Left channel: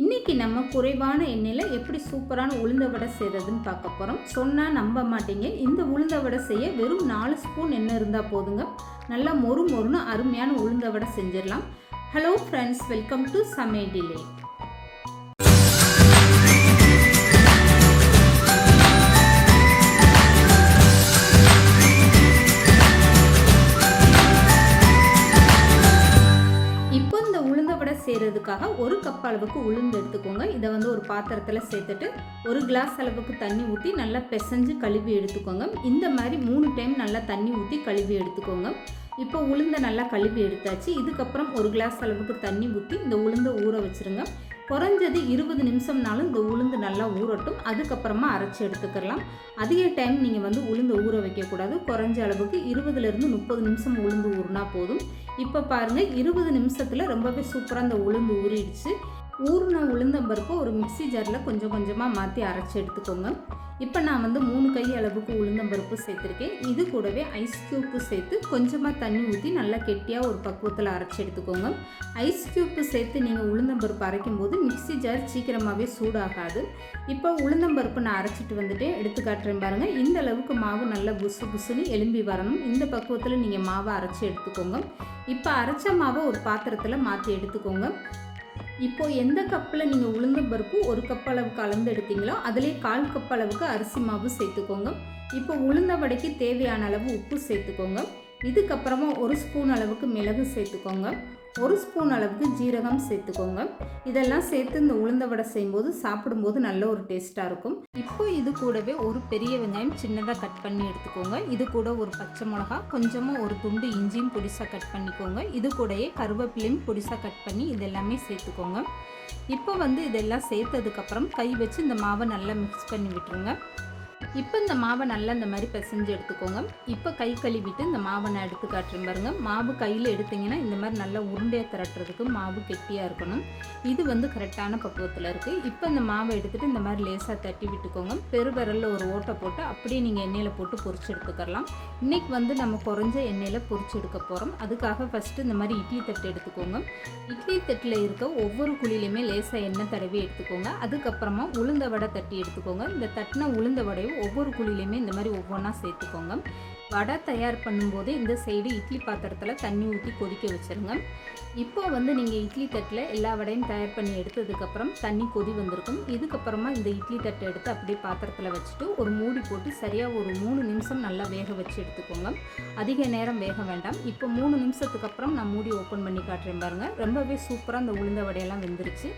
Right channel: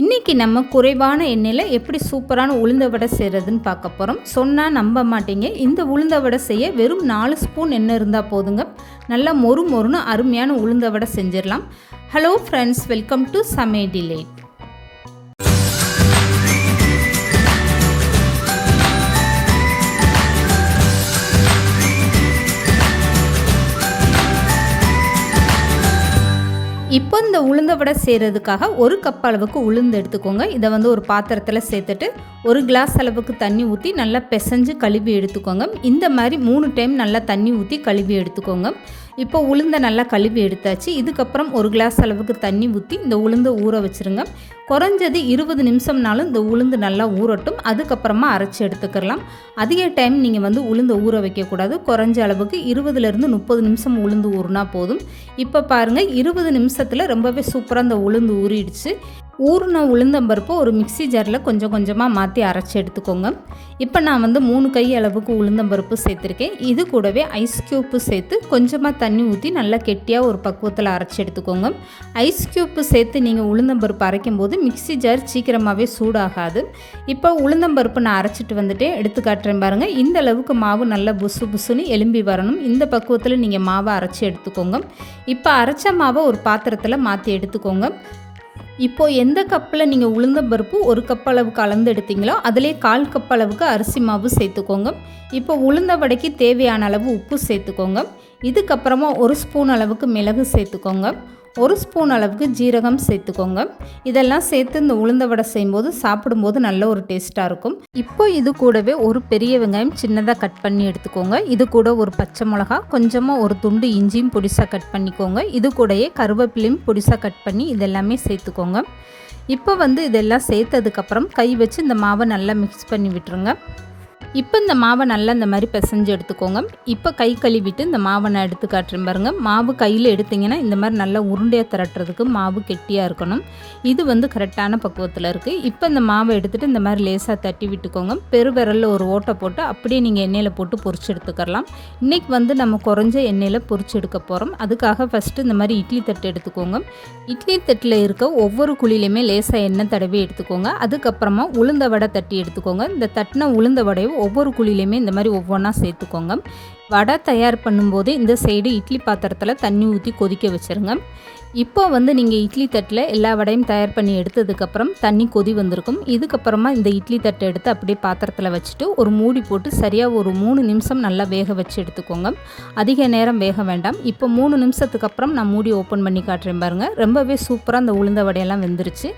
இன்றைக்கி நம்ம குறைவான எண்ணெயில் எப்படி சூப்பரான உளுந்த வடை செய்கிறதுன்னு பார்க்க போகிறோம். சொன்னால் நம்ப மாட்டீங்க. இந்த உளுந்த வடை செய்ய வெறும் 4 ஸ்பூன் எண்ணெய் இருந்தால் போதுங்க. நல்லா மொறு மொறுன்னு அருமையான உளுந்த வடை செஞ்சிடலாம். ஹலோ ஃப்ரெண்ட்ஸ், வெல்கம் டு சமையல் டிலைட். இப்போ இந்த உளுந்த வடை செய்கிறதுக்காக 1 கப் அளவுக்கு உளுந்து எடுத்துக்கோங்க. இதை ஒரு பாத்திரத்தில் சேர்த்துட்டு 1 கிளாஸ் அளவுக்கு தண்ணி ஊற்றி நல்லா பிசைஞ்சு கழுவி எடுத்துக்கோங்க. இந்த மாதிரி 3 டைம் நல்லா தண்ணி ஊற்றி கழுவி எடுத்துக்கோங்க. இப்போ உளுந்தை நல்லா கழுவி எடுத்தாச்சு. இதுக்கப்புறம் 1 கிளாஸ் அளவுக்கு தண்ணி ஊற்றி இந்த உளுந்தை ஊற வச்சுருங்க. குறைஞ்சது 20 நிமிஷம்னாலும் இந்த உளுந்து நல்லா ஊறட்டும். அதுக்கப்புறமா அரைச்சி எடுத்துக்கலாம். அதிக டைம் நீங்கள் உளுந்தை ஊற வைக்கக்கூடாது. குறைஞ்ச அளவுக்கு 20லேருந்து 30 நிமிஷம் உளுந்து ஊறினா போதும். இப்போ பாருங்கள், 20 நிமிஷத்தில் ரொம்பவே சூப்பராக இந்த உளுந்து ஊறிடுச்சு. ஊறின உளுந்தம்பருப்பு ஒரு மிக்சி ஜாரில் கொஞ்சம் கொஞ்சமாக மாற்றி அரைச்சி எடுத்துக்கோங்க. இப்போ நான் 3 கை அளவுக்கு உளுந்தம்பருப்பு சேர்த்துருக்கேன். இது கூடவே ஐஸ் க்யூப்பு சேர்த்து கொஞ்சமாக தண்ணி ஊற்றி நல்லா கெட்டியாக ஒரு பக்குவத்தில் அரைச்சி எடுத்துக்கோங்க. ஐஸ் க்யூப்பு சேர்த்து நீங்கள் உளுந்தம்பருப்பு அரைக்கும் போது மிக்சி ஜார் சீக்கிரமாகவே சூடாகாது. இப்போ உளுந்தம்பருப்பு நான் அரைச்சிட்டு வந்துட்டேன், எடுத்து காட்டுறேன் பாருங்கள். இந்த அளவுக்கு மாவு நல்லா புசு புசுன்னு எலும்பி வரணும். இந்த பக்குவத்தில் நீங்கள் மாவை அரைச்சி எடுத்துக்கோங்க. இப்போ அரைச்ச மாவை ஒரு பாத்திரத்தில் மாற்றி எடுத்துக்கோங்க. இப்போது எந்த கப்பில் நீங்கள் உளுந்தம்பருப்பு 1 கப் அளவுக்கு அளந்து எடுத்தீங்களோ அதிலே 1/4 கப் அளவுக்கு அரிசி மாவு சேர்த்துக்கோங்க. இப்போ உளுந்த வடைக்கு தேவையான அளவு உப்பு சேர்த்துக்கோங்க. இதுக்கப்புறமா 1 ஸ்பூன் அளவுக்கு மிளகு சேர்த்துக்கோங்க. 1 ஸ்பூன் அளவுக்கு ஜீரகம் சேர்த்துக்கோங்க. இதெல்லாம் சேர்த்து இந்த உளுந்த வடை செய்யும்போது சாப்பிடும்போது நல்ல ஒரு டேஸ்ட்டாக இருக்கும். இப்போ இது கூடவே ஒரு பெரிய வெங்காயம் சின்னதாக கட் பண்ணி எடுத்துக்கோங்க. இது கூட ஒரு பச்சை மிளகா, கொஞ்சமாக ஒரு துண்டு இஞ்சியும் பொடிசாக கட் பண்ணிக்கோங்க. இது கூடயே கருவேப்பிலையும் பொடிசாக கட் பண்ணி இதெல்லாமே சேர்த்துக்கோங்க. இப்போ இதெல்லாம் சேர்த்ததுக்கப்புறம் கை வச்சு இந்த மாவை நல்லா மிக்ஸ் பண்ணி விட்டுருங்க. இப்போ இந்த மாவை நல்லா இந்த மாதிரி பிசைஞ்சு எடுத்துக்கோங்க. இப்போ கை கழுவிட்டு இந்த மாவை நான் எடுத்து காட்டுறேன் பாருங்கள். மாவு கையில் எடுத்திங்கன்னா இந்த மாதிரி நல்லா உருண்டையாக திரட்டுறதுக்கு மாவு கெட்டியாக இருக்கணும். இது கரெக்டான பக்குவத்தில் இருக்குது. இப்போ இந்த மாவை எடுத்துகிட்டு இந்த மாதிரி லேசாக தட்டி விட்டுக்கோங்க. பெருவிரலில் ஒரு ஓட்டை போட்டு அப்படியே நீங்கள் எண்ணெயில் போட்டு பொரிச்சு எடுத்துக்கலாம். இன்றைக்கி நம்ம குறைஞ்ச எண்ணெயில் பொரிச்சு எடுக்க போகிறோம். அதுக்காக ஃபஸ்ட்டு இந்த மாதிரி இட்லி தட்டு எடுத்துக்கோங்க. இட்லி தட்டில் இருக்க ஒவ்வொரு குழியிலையுமே லேசாக எண்ணெய் தடவி எடுத்துக்கோங்க. அதுக்கப்புறமா உளுந்த வடை தட்டி எடுத்துக்கோங்க. இந்த தட்டின உளுந்த வடையும் ஒவ்வொரு குழியிலையுமே இந்த மாதிரி ஒவ்வொன்றா சேர்த்துக்கோங்க. வடை தயார் பண்ணும்போது இந்த சைடு இட்லி பாத்திரத்தில் தண்ணி ஊற்றி கொதிக்க வச்சுருங்க. இப்போ நீங்கள் இட்லி தட்டில் எல்லா வடையும் தயார் பண்ணி எடுத்ததுக்கப்புறம் தண்ணி கொதி வந்திருக்கும். இதுக்கப்புறமா இந்த இட்லி தட்டை எடுத்து அப்படியே பாத்திரத்தில் வச்சுட்டு ஒரு மூடி போட்டு சரியாக ஒரு 3 நிமிஷம் நல்லா வேக வச்சு எடுத்துக்கோங்க. அதிக நேரம் வேக வேண்டாம். இப்போ 3 நிமிஷத்துக்கு அப்புறம் நான் மூடி ஓப்பன் பண்ணி காட்டுறேன் பாருங்கள். ரொம்பவே சூப்பராக அந்த உளுந்த வடையெல்லாம் வெந்துருச்சு.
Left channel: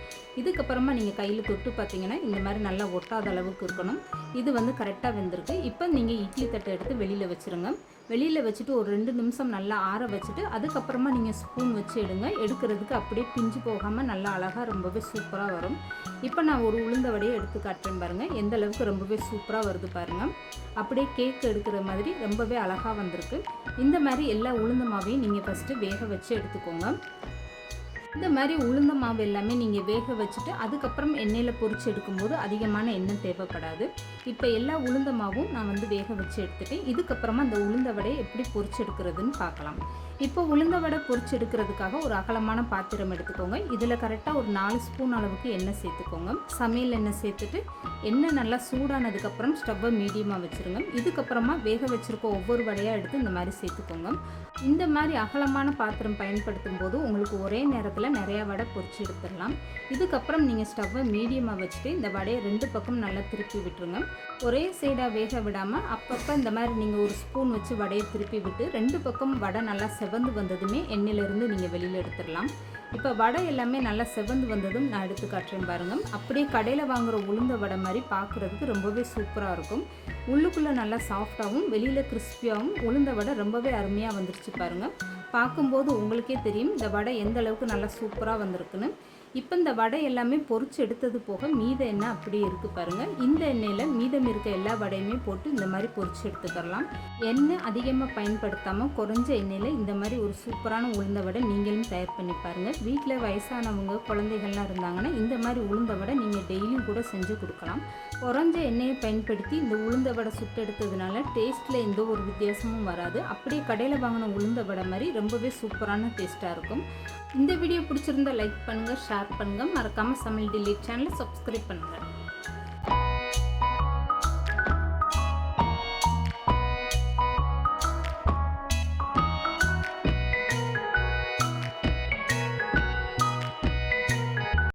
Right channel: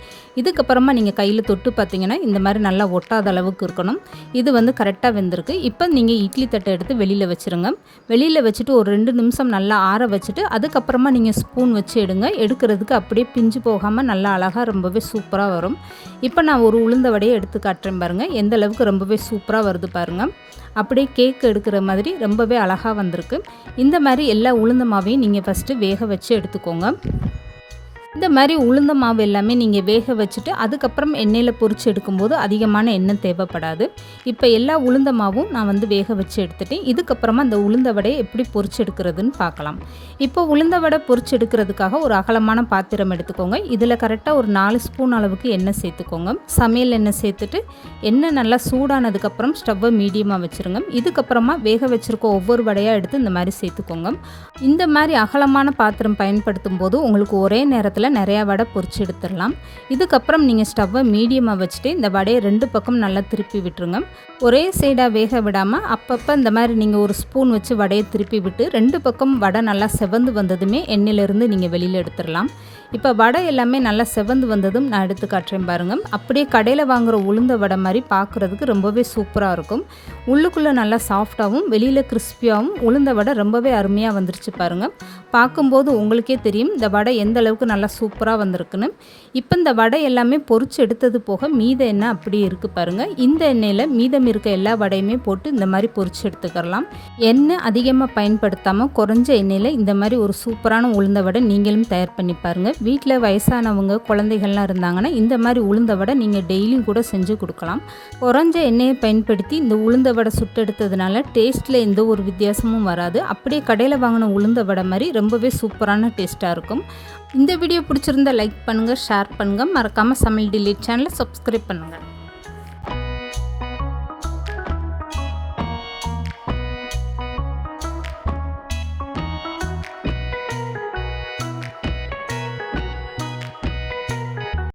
இதுக்கப்புறமா நீங்கள் கையில் தொட்டு பார்த்தீங்கன்னா இந்த மாதிரி நல்லா ஒட்டாத அளவுக்கு இருக்கணும். இது கரெக்டாக வெந்திருக்கு. இப்போ நீங்கள் இட்லி தட்டை எடுத்து வெளியில் வச்சுருங்க. வெளியில் வச்சுட்டு ஒரு 2 நிமிஷம் நல்லா ஆற வச்சுட்டு அதுக்கப்புறமா நீங்கள் ஸ்பூன் வச்சு எடுக்கிறதுக்கு அப்படியே பிஞ்சு போகாமல் நல்லா அழகாக ரொம்பவே சூப்பராக வரும். இப்போ நான் ஒரு உளுந்த வடையை எடுத்து காட்டுறேன் பாருங்கள். எந்த அளவுக்கு ரொம்பவே சூப்பராக வருது பாருங்கள். அப்படியே கேக் எடுக்கிற மாதிரி ரொம்பவே அழகாக வந்திருக்கு. இந்த மாதிரி எல்லா உளுந்த மாவையும் நீங்கள் ஃபஸ்ட்டு வேக வச்சு எடுத்துக்கோங்க. இந்த மாதிரி உளுந்த மாவு எல்லாமே நீங்கள் வேக வச்சுட்டு அதுக்கப்புறம் எண்ணெயில் பொரிச்சு எடுக்கும்போது அதிகமான எண்ணெய் தேவைப்படாது. இப்போ எல்லா உளுந்த மாவும் நான் வேக வச்சு எடுத்துட்டேன். இதுக்கப்புறமா இந்த உளுந்த வடையை எப்படி பொரிச்சு எடுக்கிறதுன்னு பார்க்கலாம். இப்போ உளுந்த வடை பொரிச்சு எடுக்கிறதுக்காக ஒரு அகலமான பாத்திரம் எடுத்துக்கோங்க. இதில் கரெக்டாக ஒரு 4 ஸ்பூன் அளவுக்கு எண்ணெய் சேர்த்துக்கோங்க. சமையல் எண்ணெய் சேர்த்துட்டு எண்ணெய் நல்லா சூடானதுக்கப்புறம் ஸ்டவ்வை மீடியமாக வச்சுருங்க. இதுக்கப்புறமா வேக வச்சுருக்க ஒவ்வொரு வடையாக எடுத்து இந்த மாதிரி சேர்த்துக்கோங்க. இந்த மாதிரி அகலமான பாத்திரம் பயன்படுத்தும் போது உங்களுக்கு ஒரே நேரத்தில் நிறையா வடை பொரிச்சு எடுத்துடலாம். இதுக்கப்புறம் நீங்கள் ஸ்டவ்வை மீடியமாக வச்சுட்டு இந்த வடையை 2 பக்கம் நல்லா திருப்பி விட்டுருங்க. ஒரே சைடாக வேக விடாமல் அப்பப்போ இந்த மாதிரி நீங்கள் ஒரு ஸ்பூன் வச்சு வடையை திருப்பி விட்டு 2 பக்கம் வடை நல்லா செவந்து வந்ததுமே எண்ணெயிலேருந்து நீங்கள் வெளியில் எடுத்துடலாம். இப்போ வடை எல்லாமே நல்லா செவந்து வந்ததும் நான் எடுத்து காட்டுறேன் பாருங்கள். அப்படியே கடையில் வாங்குகிற உளுந்த வடை மாதிரி பார்க்குறதுக்கு ரொம்பவே சூப்பராக இருக்கும். உள்ளுக்குள்ளே நல்லா சாஃப்டாகவும் வெளியில் கிறிஸ்பியாகவும் உளுந்த வடை ரொம்பவே அருமையாக வந்துருச்சு பாருங்கள். பார்க்கும்போது உங்களுக்கே தெரியும் இந்த வடை எந்த அளவுக்கு நல்லா சூப்பராக வந்திருக்குன்னு. இப்போ இந்த வடை எல்லாமே பொரிச்சு எடுத்தது போக மீத எண்ணெய் அப்படியே இருக்குது பாருங்கள். இந்த எண்ணெயில் மீதம் இருக்க எல்லா வடையுமே போட்டு இந்த மாதிரி பொரிச்சு எடுத்துக்கலாம். எண்ணெய் அதிகமாக பயன்படுத்தாமல் குறைஞ்ச எண்ணெயில் இந்த மாதிரி ஒரு சூப்பரான உளுந்த வடை நீங்களும் தயார் பண்ணி பாருங்கள். வீட்டில் வயசானவங்க குழந்தைகள்லாம் இருந்தாங்கன்னா இந்த மாதிரி உளுந்த வடை நீங்கள் டெய்லியும் கூட செஞ்சு கொடுக்கலாம். குறைஞ்ச எண்ணெயை பயன்படுத்தி இந்த உளுந்த வடை சுட்டெடுத்ததுனால டேஸ்ட்டில் எந்த ஒரு வித்தியாசமும் வராது. அப்படியே கடையில் வாங்கின உளுந்த வடை மாதிரி ரொம்பவே சூப்பரான டேஸ்ட்டாக இருக்கும். இந்த வீடியோ பிடிச்சிருந்தா லைக் பண்ணுங்கள், ஷேர் பண்ணுங்கள், மறக்காமல் சமையல் டிலீட் சேனலை சப்ஸ்கிரைப் பண்ணுங்கள்.